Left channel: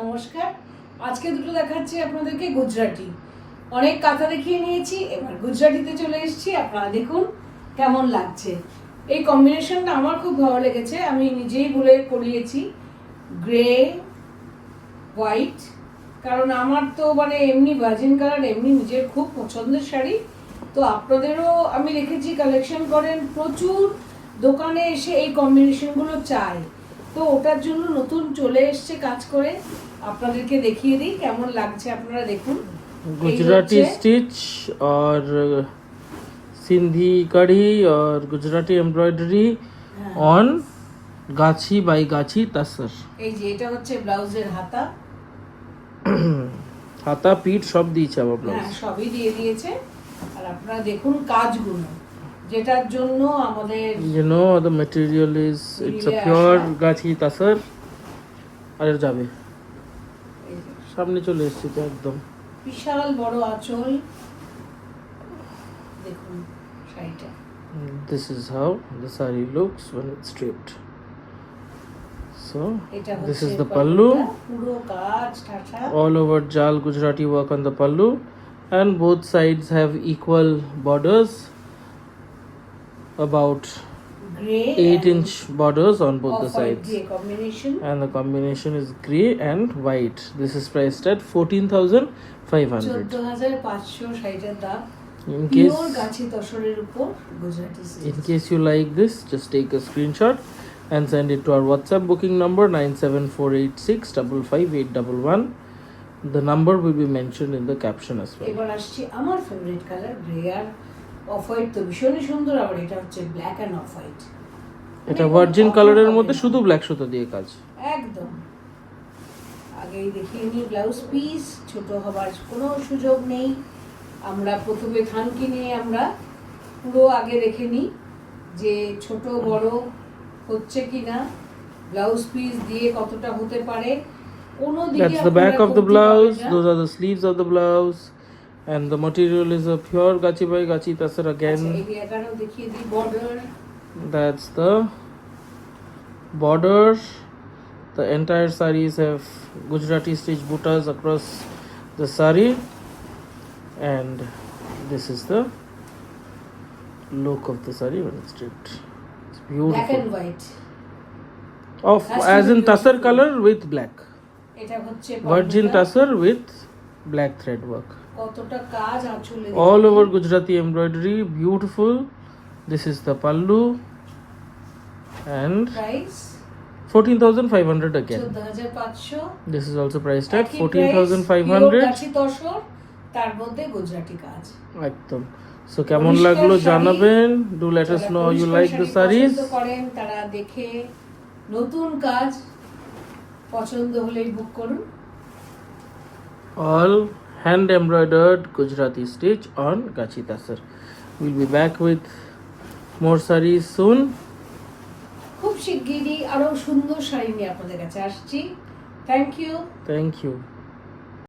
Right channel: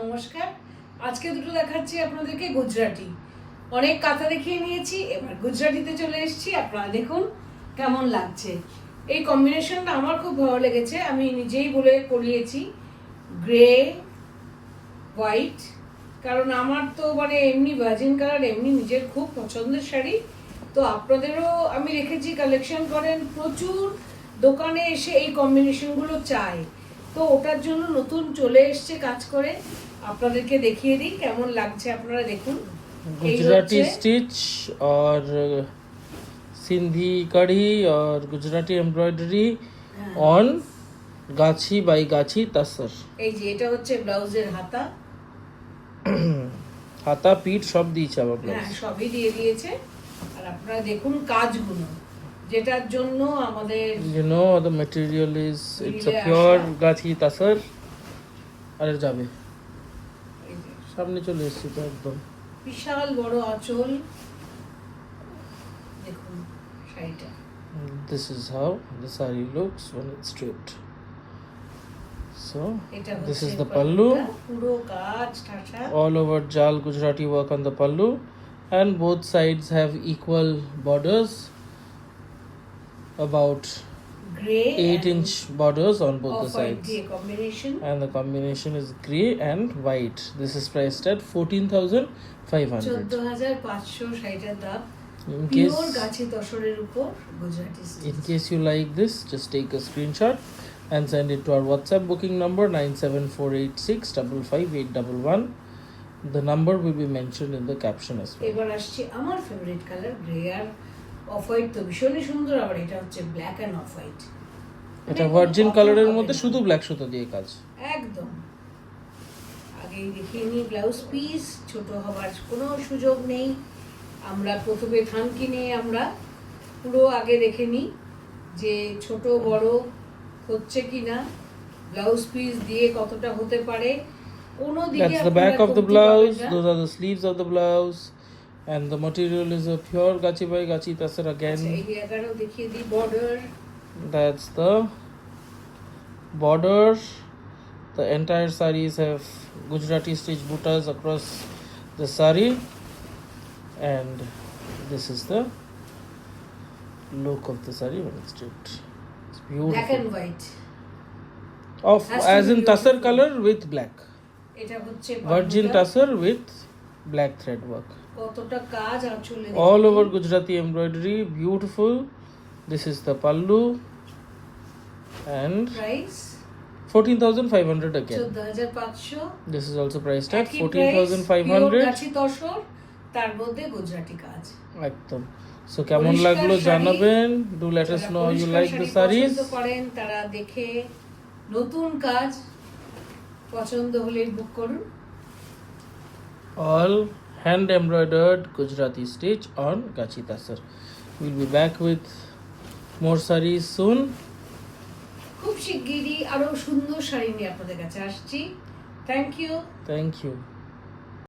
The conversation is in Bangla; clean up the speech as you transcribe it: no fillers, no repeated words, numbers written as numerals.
নমস্কার। আজকে দুটো দেখাচ্ছি আপনাদেরকে গুজরাটি। অনেক কাঁথা দেখিয়ে নিয়েছি, এবার গুজরাটিতে চলে এসেছি। আপনারা দেখুন কেমন লাগছে। এই কম্বিনেশনটা আমার খুব ভালো লেগেছে, আমি নিজেই বলে করিয়েছি। গ্রে হোয়াইট, কারণ আমার তো মানে এমনি ভার্জিন কালার এমনি নিজের খুব পছন্দের শাড়ি। তো আপনাদেরও আমি রেখেছি, কালেকশন করেন প্রচুর, দোকানে এসে এই কম্বিনেশনগুলো চাই। তো ওটার জন্য নতুন চলে এসছে কাজ করে, আপনাদেরকে দেখিয়ে দিই কেমন লাগছে। আপনারা দেখুন, गुजराती स्टिच और सिंधी कढ़ी और गुजराती एम्ब्रॉयडरी ऑन गाछी बाई गाछी तसर। এই যে এটা হচ্ছে ব্লাউজের হাতা। হাতা পিঠ সব দিয়েছে আমার ব্লাউজ। হ্যাঁ, সবই দিয়ে দিয়েছে। আর আপনারা দেখুন কাজগুলো, যেটার জন্য আমাদের You know the material is it's a pure গাছি তাসর। আর যাবে সামনে চলে এসেছে তো একদম বিশাল বড় আঁচল। দেখুন শাড়িটা। This is how the saree looks when it's straight. So এটা this হচ্ছে is the pallu. পুরো কাজ ঠাঠা। All over Jal Gujarati work on the pallu, and both sides have equal borders, about grey 8-inch borders on both the sides, দিয়ে combination. and the combination is grey and white. This is priced at 14,500. 14,500 শাড়িটার দাম। In পিওর case গাছি তসরের উপর Gujarati in case you like this, just take a screenshot and send it to our WhatsApp booking number 9748655811. The number will be mentioned in the caption as well. এবার আসছে আমার ফেভারিট কালার গ্রে আর অফ হোয়াইট। তো ভীষণই সুন্দর। আবার এটা হচ্ছে ব্ল্যাক এন্ড অফ হোয়াইট। এটা ভার্জিন কালারের মধ্যে শুধু ব্ল্যাক সুতো দিয়ে কাজ। একদম। আগেই দেখিয়ে নিই ব্লাউজ পিস, ছোট হবার কোনো সুযোগ নেই। আমরা প্রথমে থানকি নিয়ে আমরা পুরো আগে দেখে নিই যে ছোট বড় হচ্ছে কিনা, ব্লাউজ পিস দিয়ে কতটা হতে পারে। কোনো দিকে That's the back of the blouse. Those are the sleeves of the blouse, and the material is a pure gachi by gachi tasar again. এই জায়গাটাও দেখিয়ে দিই border. That's the border. The entire sarees have Gujarati stitch buttas across the saree, and this is the look of the saree when it's stripped. It's black and beautiful. White. Of as in tussar color with black. এটা হচ্ছে Virgin tussar with black thread work. কতটা কাজ আঁচলে। All over Gujarati embroidery, beautiful. This is the pallu, and price 14,500 again. 14,500। This is also priced at একই price, pure 14,500. গাছি তসর, তার মধ্যে গুজরাটি কাজ। একদম। So কেমন লাগলো জানাবেন। Do let us know how you like the sarees. পছন্দ করেন তারা দেখে নতুন কাজ পছন্দ হলেই বুক করুন। All hand embroidered Gujarati stitch on Gachi Tasar. We'll be back with more sarees soon. খুব শিগগিরই আরো সুন্দর শাড়ি নিয়ে আপনাদের কাছে আসছি। Thank you. Thank you.